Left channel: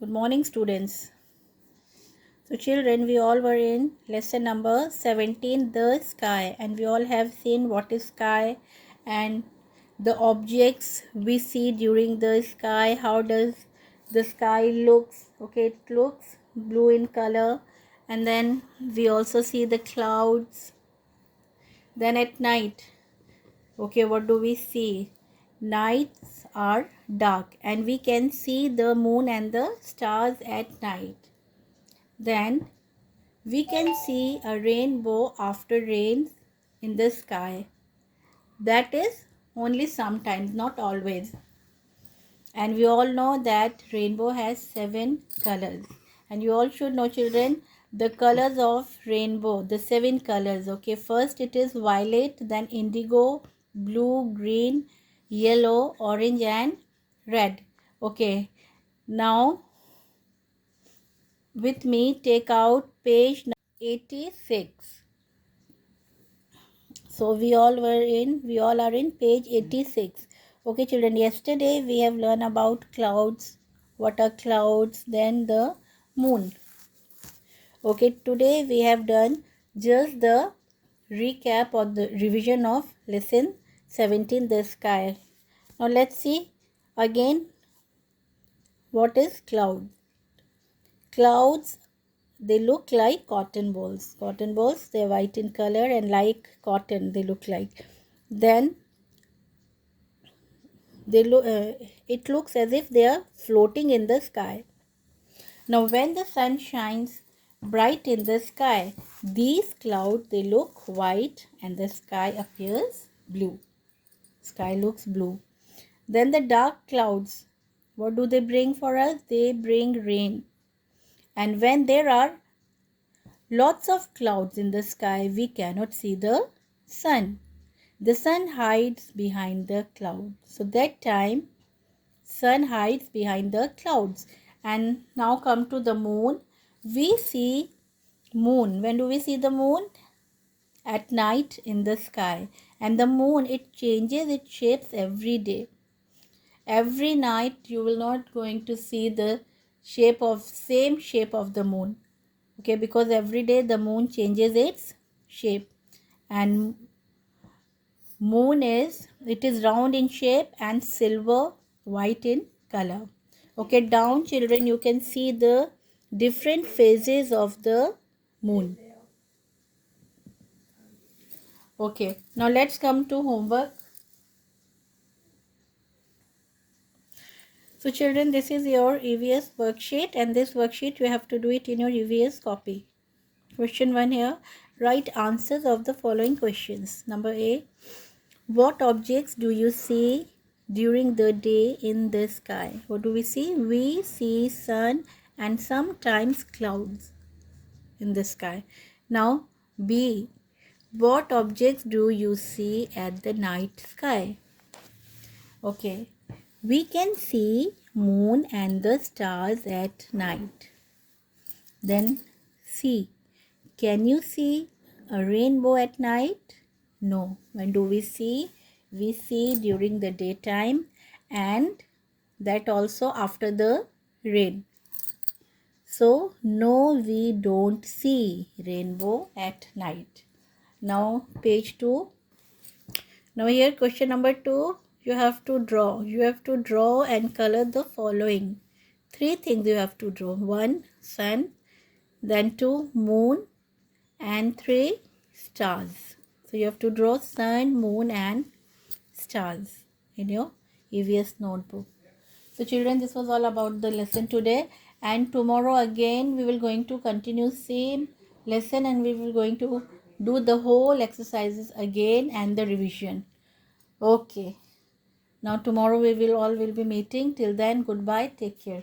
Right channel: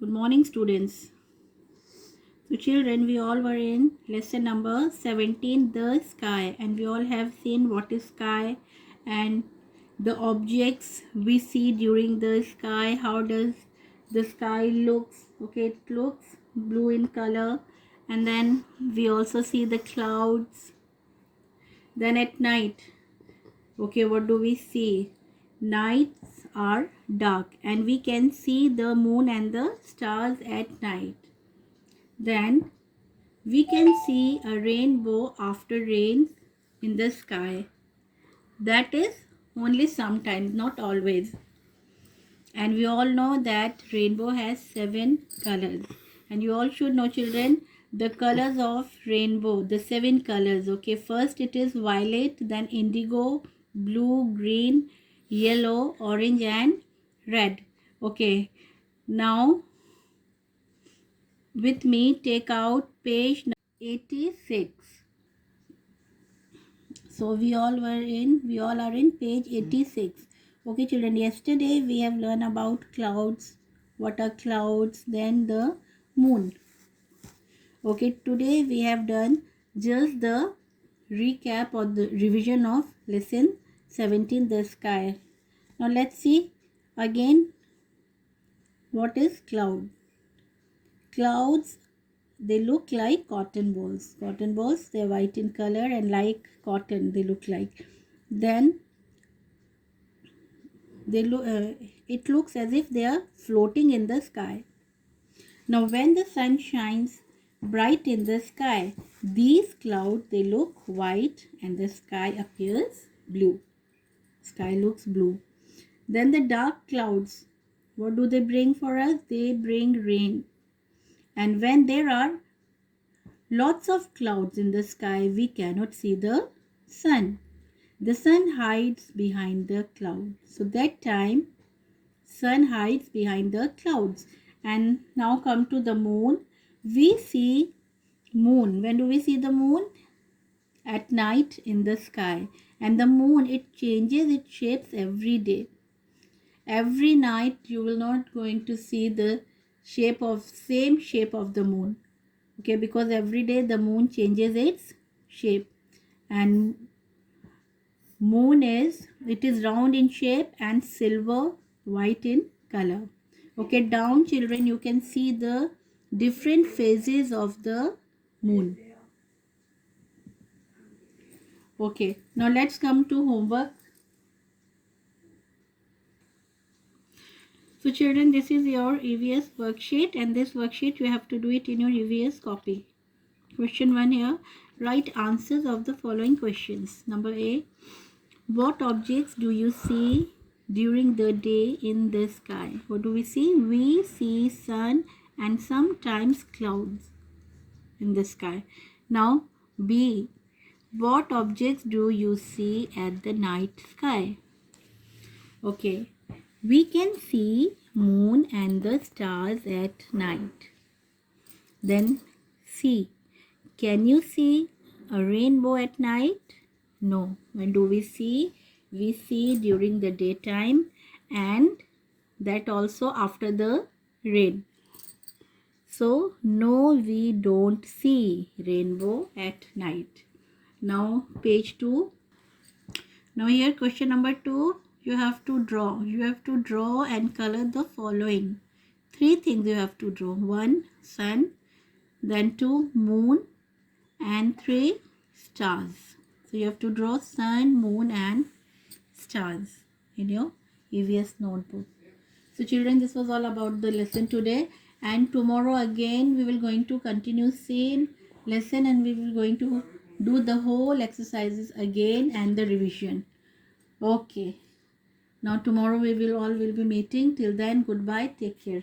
Good morning, students. So, children, we all were in lesson number 17, the sky, and we all have seen what is sky and the objects we see during the sky. How does the sky looks? Okay, it looks blue in color, and then we also see the clouds. Then at night, okay, what do we see? Nights are dark, and we can see the moon and the stars at night. Then we can see a rainbow after rain in the sky. That is only sometimes, not always. And we all know that rainbow has 7 colors. And you all should know, children, the colors of rainbow, the 7 colors. Okay, first it is violet, then indigo, blue, green, yellow, orange, and red. Okay, now with me, take out page 86. So we all are in page 86. Okay, children, yesterday we have learned about clouds. What are clouds? Then the moon. Okay, today we have done just the recap or the revision of lesson 17, the sky. Now let's see again what is cloud. Clouds, they look like cotton balls. Cotton balls, they are white in color and like cotton they look like. Then they look it looks as if they are floating in the sky. Now when the sun shines bright in the sky, these clouds, they look white and the sky appears blue. Sky looks blue. Then the dark clouds, what do they bring for us? They bring rain. And when there are lots of clouds in the sky, we cannot see the sun. The sun hides behind the cloud. So that time sun hides behind the clouds. And now come to the moon. We see moon. When do we see the moon? At night in the sky. And the moon, it changes its shapes every day. Every night you will not going to see the same shape of the moon. Okay, because every day the moon changes its shape. And moon is round in shape and silver white in color. Okay, down children, you can see the different phases of the moon. Okay, now let's come to homework. So children, this is your EVS worksheet, and this worksheet you have to do it in your EVS copy. Question 1 here, write answers of the following questions. Number A, what objects do you see during the day in the sky? What do we see? We see sun and sometimes clouds in the sky. Now B, what objects do you see at the night sky? Okay, we can see moon and the stars at night. Then C, can you see a rainbow at night? No. When do we see? We see during the daytime, and that also after the rain. So no, we don't see rainbow at night. Now page 2. Now here question number 2. You have to draw. You have to draw and color the following. 3 things you have to draw. 1, sun. Then 2, moon. And 3, stars. So you have to draw sun, moon and stars in your EVS notebook. So children, this was all about the lesson today, and tomorrow again we will going to continue same lesson, and we will going to do the whole exercises again and the revision. Okay, now tomorrow we will all be meeting. Till then, goodbye, take care.